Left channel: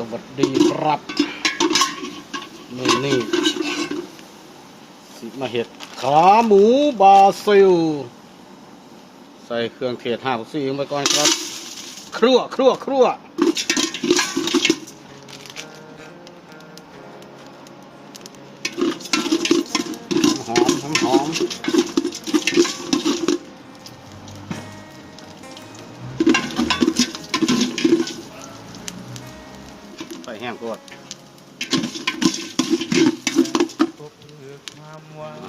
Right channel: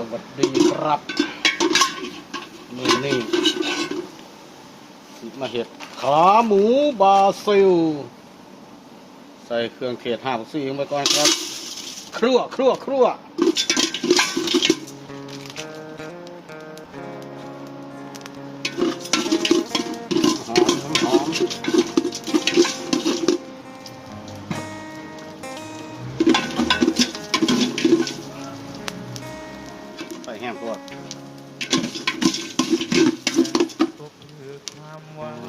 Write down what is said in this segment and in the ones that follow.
สวัสดีครับนี่นี่สิมาเห็ดขาหมูบาซิล ใส่เครื่องเทศห้าสี่ลงไปก่อนครับ ครัวครัวครัว แห้งตัวก็เพื่อความหวัง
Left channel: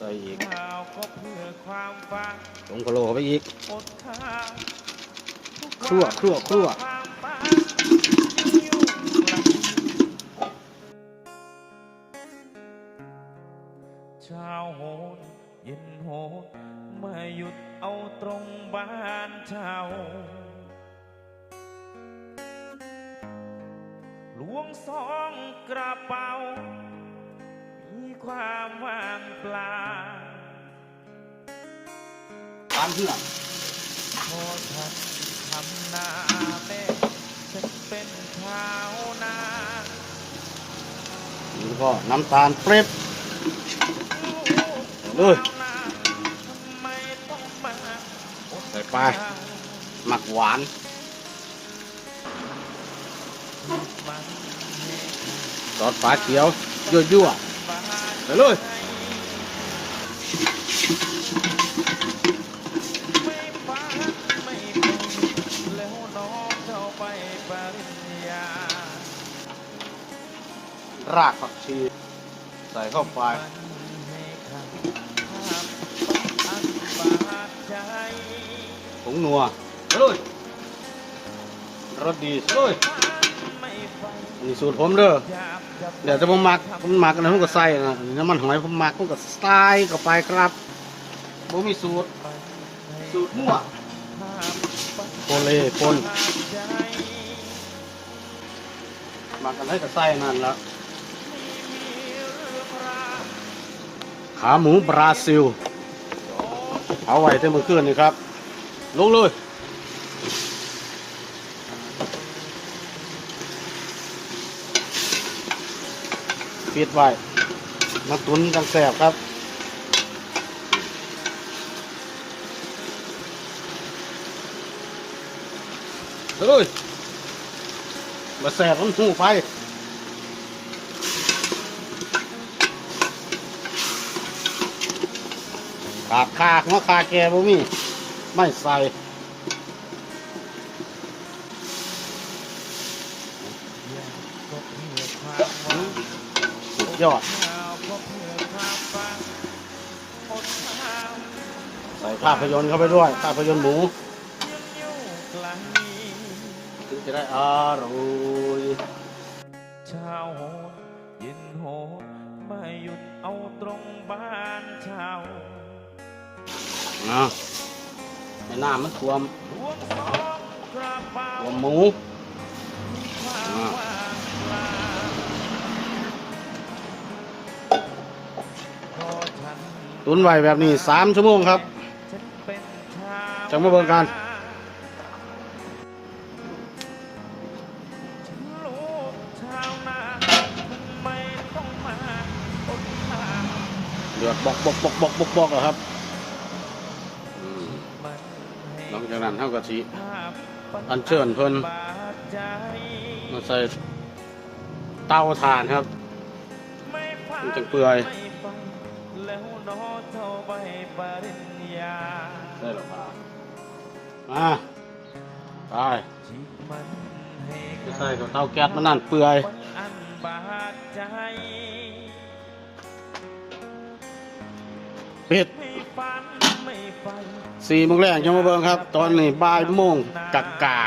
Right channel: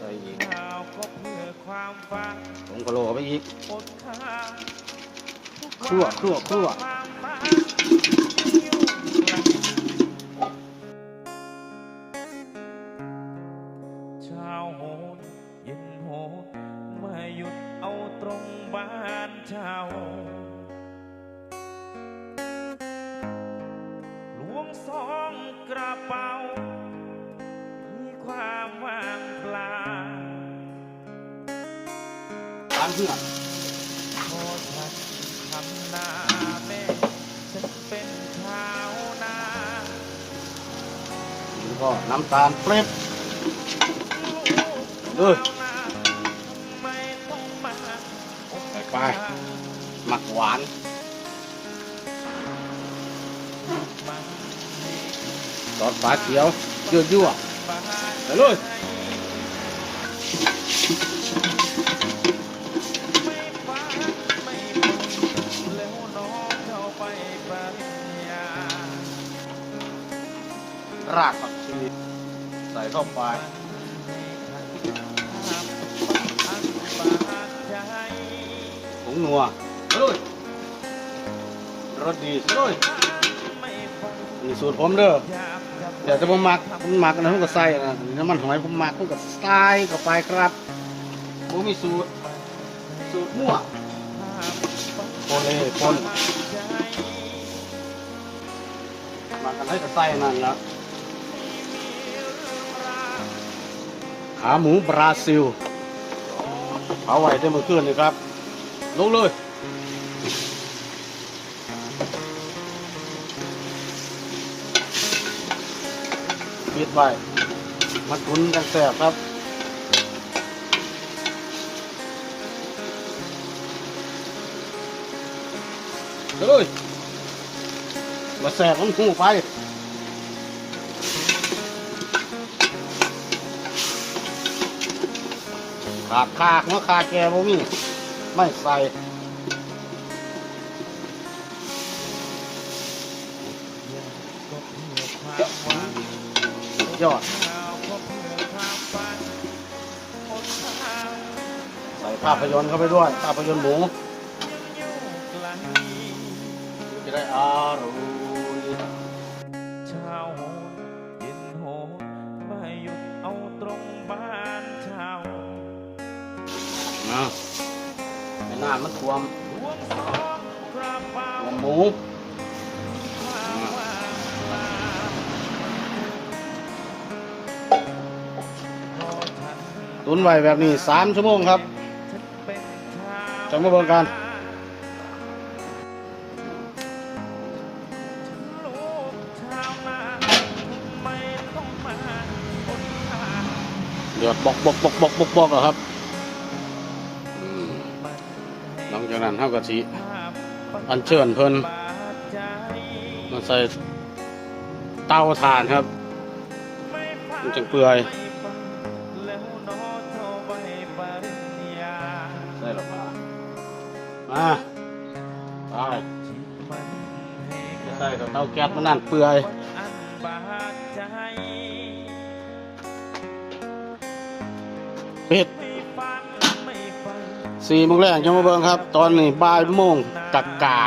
ใส่อีกข้าวก็เพื่อความฝันลงพะโลเข้าไปอีก อดข้าวทุกครั่วคั่วคั่วความฝันยังอยู่ไกลเช้าโหนเย็นโหนเมื่อหยุดเอาตรงบ้านเช่า วงสองกระเป๋า มีความว่างเปล่าปานเพื่อพอฉันทำนาแม่ ฉันเป็นชาวนานี่ก็น้ำตาลเปรบลูกเออชาวนาทำไมต้องมาอดใส่ไปข้าวหมักหวาน มันให้ซอสฝาเขียวยั่วยั่วบ้านไปเลยไม่ฟังไม่ฟังแล้วน้องเจ้าไปปริญญารากผักชีใส่เข้าไปให้ขันภาพอันบาดใจผงนัวเฮ้ยรสดีเฮ้ยไม่ฟัง นี่สูตรผมเด้อเดี๋ยวจะผมหมักผมหมักอะไรผมก็ใส่นะน้ำมันหอยผมหมักผมก็ใส่เข้าไปครับผมมีสูตร สูตรมั่วภาพโคเล่คนหมักกันให้ก็ใส่นั่นละขาหมูบราซิลเอาไว้เต็มมือคืนนี่ครับลงเลย ปิดไว้มาตุนกันแสบครับเลยมาแสบมันหูไปขาดคาหัวคาแกบ่มี ไม่ใส่ ยอดข้าวก็เพื่อความฝันอดข้าวใส่ภาพยนตร์เข้าไปด้วยภาพยนตร์หมูยังอยู่ไกลถึงจะได้อร่อยเช้าโหนเย็นโหนไม่หยุดเอาตรงบ้านเช่าอะในน้ำมันท่วมหลวงสองกระเป๋าท่วมหมูมีควา ตุนไว้แบบนี้สามชั่วโมงครับฉันเป็นชาวจะมาเบิ่งกันฉันลูกชาวนาทำไมต้องมาอดข้าวเดือดบอกบอกบอกบอกบอกบอกอะครับอืมมันให้หลังจากนั้นเท่ากับชีภาพอัญเชิญเพิ่นบาดใจมาใส่เตาถ่านครับไม่ฟังมันจังเปื่อย ไม่ฟังแล้วน้อเท่าใบปริญญาได้หรอมามาตายที่ใส่กับเตาแก๊สมันนั่นเปื่อยอันบาดใจป็ดสี่โมงแรกยังมาเบิ่งครับ ตอนนี้บ่ายโมงกักกา